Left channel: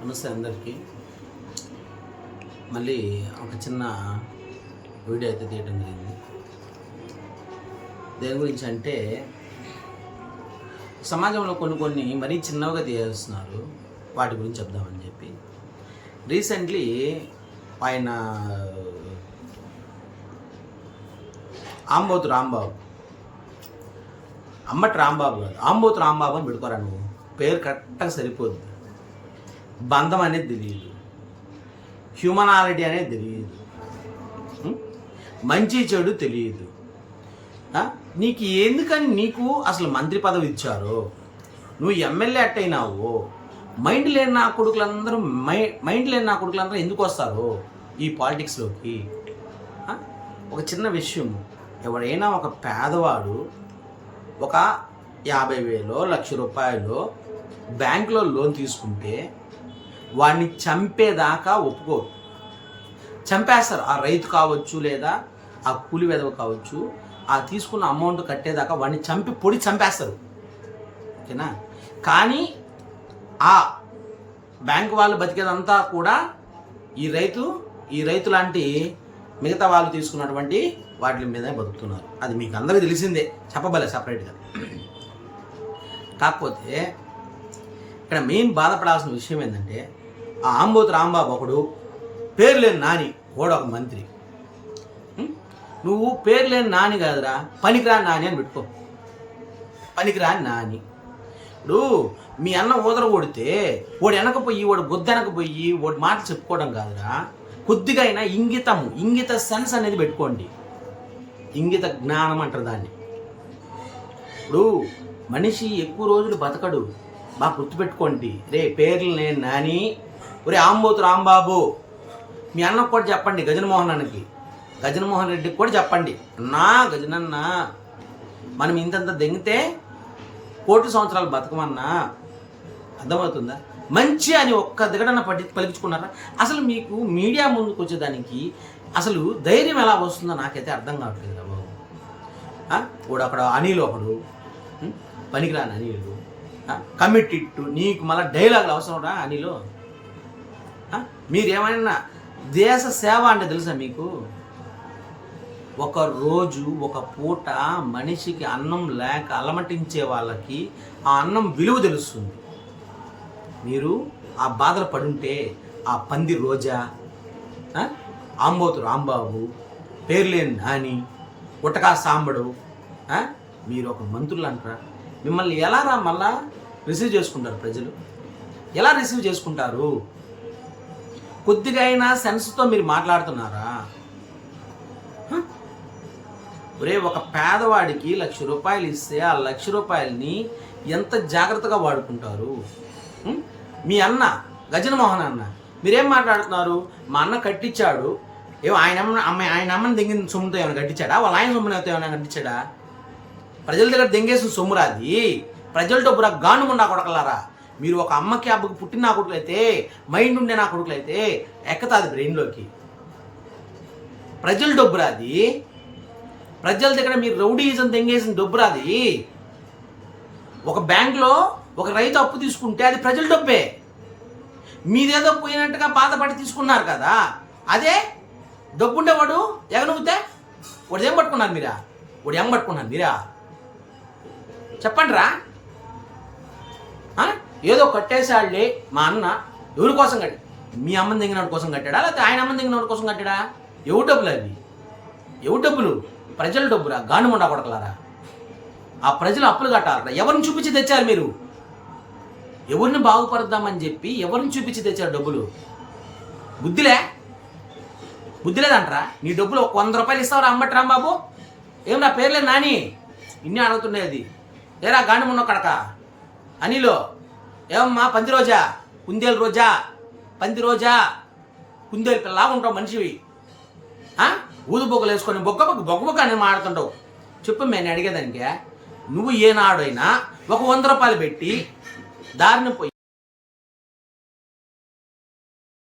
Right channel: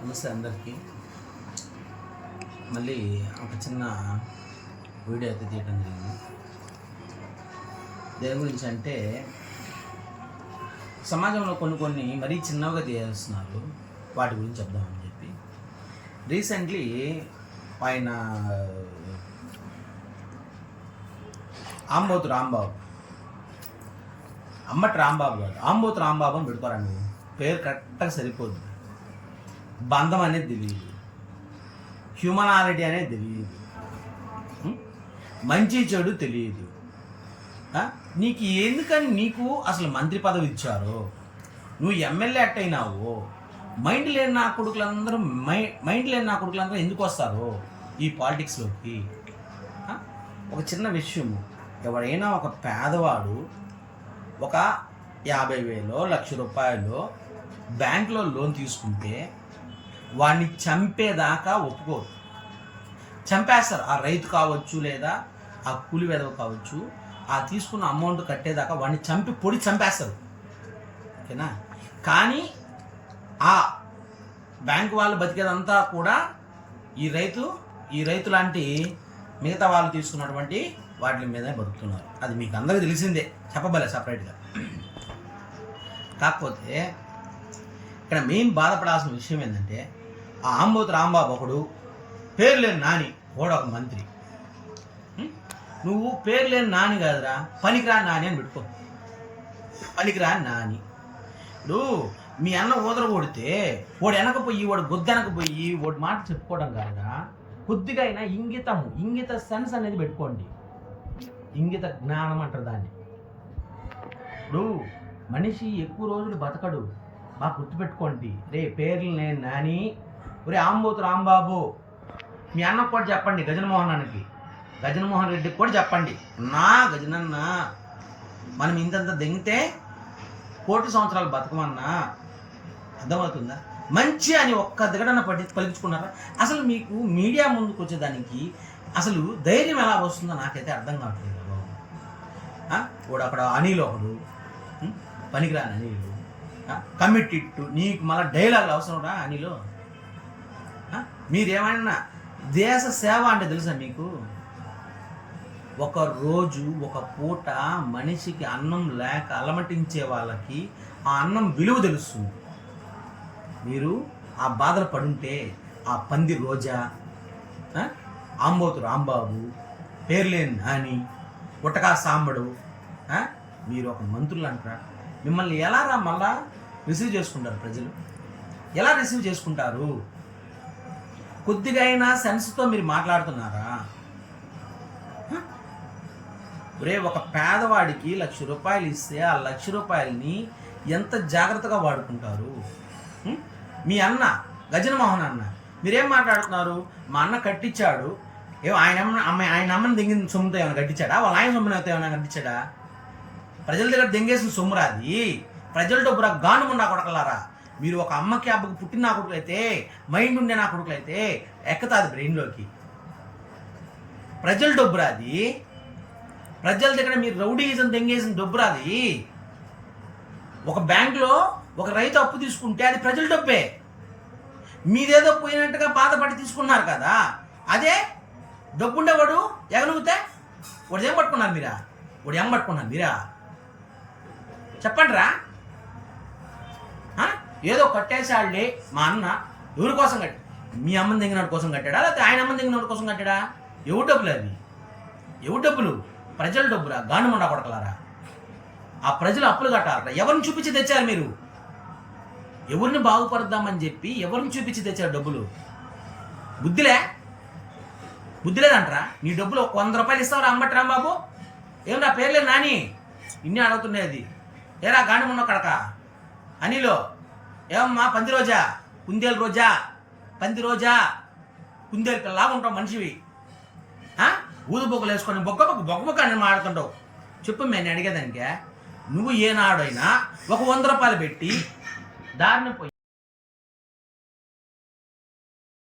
నమస్తే అందరికీ. మళ్ళీ ఒక చిన్న వీడియో అయితే తీయడం జరిగింది. దేని గురించి అంటే, సమాజంలో కొన్ని మరీ చిన్నగా తీసేస్తున్నారు, వాటి గురించి చెప్దామని చెప్పి. రీసెంట్లీ ఆయన ఆంబోతు రాంబాబు, అమ్మటి రాంబాబు కాదు, ఆంబోతు రాంబాబు అని పెట్టుకోరా. నువ్వు పేరు కరెక్ట్గా సరిపోదు. బంధం అనేది తెలియదు, హ్యూమనాలిటీ అనేది తెలియదు, మంచి చెడు తెలియదు. నీకు ఎందుకని నీకు అసలు మంత్రి పదవి ఇచ్చారో, నువ్వు ఎమ్మెల్యే అట్టయినావు, మైండ్ లేని నా కొడుకులందరూ ఎందుకు వస్తారో ఈ పాలిటిక్స్లోకి? ఒక చిన్న విషయం, ఎవరైనా ఒక పేదవాడు ఒక 50,000 1,00,000 బ్యాంకులో లోన్ తీసుకుంటే వాడిని చంపేదాకా ఒప్పుకోరు, చంపేస్తారు. ఆ రైతు కావచ్చు, లేదా ఆ కూలి వెధవ కావచ్చు, ఆ తీసుకున్న అమౌంట్ కట్టేదాకా వాడిని చంపేస్తారు, ఓకేనా? కానీ ఆ బ్యాంకు వాళ్ళు బతికేదంతా కూడా ఈ రైతు లాంటి మిగతా వాళ్ళు తీసుకున్నటువంటి వాటి మీదనే బతుకుతున్నారు. అది మీకు అందరికీ తెలిసిందే, చెప్పబలే సపరేట్గా. కాకపోతే ఇక్కడ మెయిన్ బాధపడాల్సిన విషయం ఏంటంటే, ఆ ఆంబోతు రాంబాబు ఒకడు, పేరు లేని నాని కూడా ఒక మంత్రి. నువ్వు పేరు లేని నాని కాదురా, పనికిరాని నాని అని పెట్టుకో. పనికిరాని నాని. ఇప్పుడు మీ అన్న ఊదర కొడితే వాడు వెనకపోయి, వాడు గుద్దెనకపోయి వాడి మాట చెప్పుకోవడం కాదురా. కొద్దిగా అయినా ఇంగిత సెన్స్ అనేది పెట్టుకోండి. ఇంగిత జ్ఞానం అంటారు దాన్ని. ఇప్పుడు మనిషి ఎక్కువ రోజులు బతకడు, బాగా గుర్తుపెట్టుకోండి. రే పేర్లు నేను నాని, ఒరే ఆంబోతు రాంబాబు, మీ అన్నకు కూడా చెప్పండి, గజనమోహన్ రెడ్డికి కూడా చెప్పండి, గజనన్న మనం ఇంతంత దెంగితే 1,000,000 సంవత్సరాలు బతకమన్నా. అర్థమవుతుందా? మంచి అని ఒక్క దిగడన పలికించుకున్నారా? అసలు మీకు మీడియా ముందుకు వచ్చేదానికి అసలు ధైర్యం ఎలా వస్తుందో నాకైతే అర్థం కావట్లేదు బాబు. వాడు అక్కడ అనిల్ ఒకడు, పనికిరాని అనిలు, కమిటెడ్. నీకు మళ్ళీ డైలాగులు అవసరం రా అనిలో? మీరేమైనా దేశ సేవ అంటే తెలుసా మీకు? ఒక రోజు ఒక పూట మనిషికి అన్నం లేక అలమటించే వాళ్ళకి ఆ అన్నం విలువ తెలుస్తుంది. మీరు ఆ బాధలు పడుంటే ఆ పంది రోజా, ఆంబోతు రాంబాబు, పేర్లేని నాని, ఉటకా సాంబడు, మీరు ఒక మంత్రులు అంటారా? మిమ్మల్ని ఎలా మళ్ళా రిసీవ్ చేసుకుంటారు ప్రజలు? ఎలా రిసీవ్ చేసుకుంటారు? కొద్దిగా అయినా సెన్స్తో మీరు మాట్లాడుతున్నారా? ఒరే, ఒక పేదవాడికి 1,00,000 రూపాయలు ఇస్తే ఆ 1,00,000 రూపాయలని ఎంత జాగ్రత్తగా వాడుకుంటారు? మీ అన్న గజనమోహన్ అన్న, మీరేం మాట్లాడుతున్నారు? మా అన్న కట్టించాడు, ఆయన అమ్మని దెంగిన సొమ్ముతో ఏమైనా కట్టించాడా? వాళ్ళ ఆయన సొమ్ముతో ఏమైనా కట్టించాడా? ప్రజల దగ్గర దెంగేసిన సొమ్మురాది, ప్రజల డబ్బురా గానుముండా కొడకలారా. మీరు ఒక అమ్మకి అబ్బకి పుట్టిన నా కొడుకులైతే, మైండ్ ఉండే నా కొడుకులైతే ఎక్కతాది బ్రెయిన్లోకి. ప్రజల డబ్బురాది, ప్రజల దగ్గర మీరు రౌడీజం దెంగేసిన డబ్బురాది. ఒక బ్యాంకులో ఒక రైతు అప్పు తీసుకుంటే అది ప్రజల డబ్బే. మీదేదో పోయినట్టుగా బాధపడి తీసుకున్నారు కదా, అదే డబ్బుండేవాడు ఎగనుగుతే వాడు ఏం పట్టుకున్నారు మీరా? చెప్పండి రా. ఏదో కట్టేసాళ్ళే మా అన్న, ఎవరి కోసం కట్టి? మీ అమ్మని దిగినోడి కోసం కట్టాడా, లేకపోతే ఆయన అమ్మని దిగినోడి కోసం కట్టాడా? ఎవరు డబ్బులు అవి? ఎవరు డబ్బులు? ప్రజల డబ్బురా, గానుమండా కొడకలారా. ఆ ప్రజలు అప్పులు కట్టాలరా. ఎవరిని చూపించి తెచ్చారు మీరు? ఎవరిని బాగుపడదామని చెప్పి ఎవరిని చూపించి తెచ్చారు డబ్బులు? బుద్ధిలేదంటరా? నీ డబ్బులు 100 రూపాయలు ఇస్తావురా అమ్మటి రాంబాబు? ఏమన్నా పేర్లే నాని ఇన్ని అడుగుతుండేది. ఏరా గానుమున్న కడక అనిలో, ఏమమ్మా పంది రోజా, కుందేలు రోజా, పంది రోజా, కుందేలు పిల్లలాగా ఉంటావు మనిషివి. ఊదుబొగ్గలు వేసుకొని బొగ్గ అని మాడుతుంటావు. చెప్పు నేను అడిగేదానికే. నువ్వు ఏనాడైనా ఒక 100 రూపాయలు పెట్టి దారిని పోయి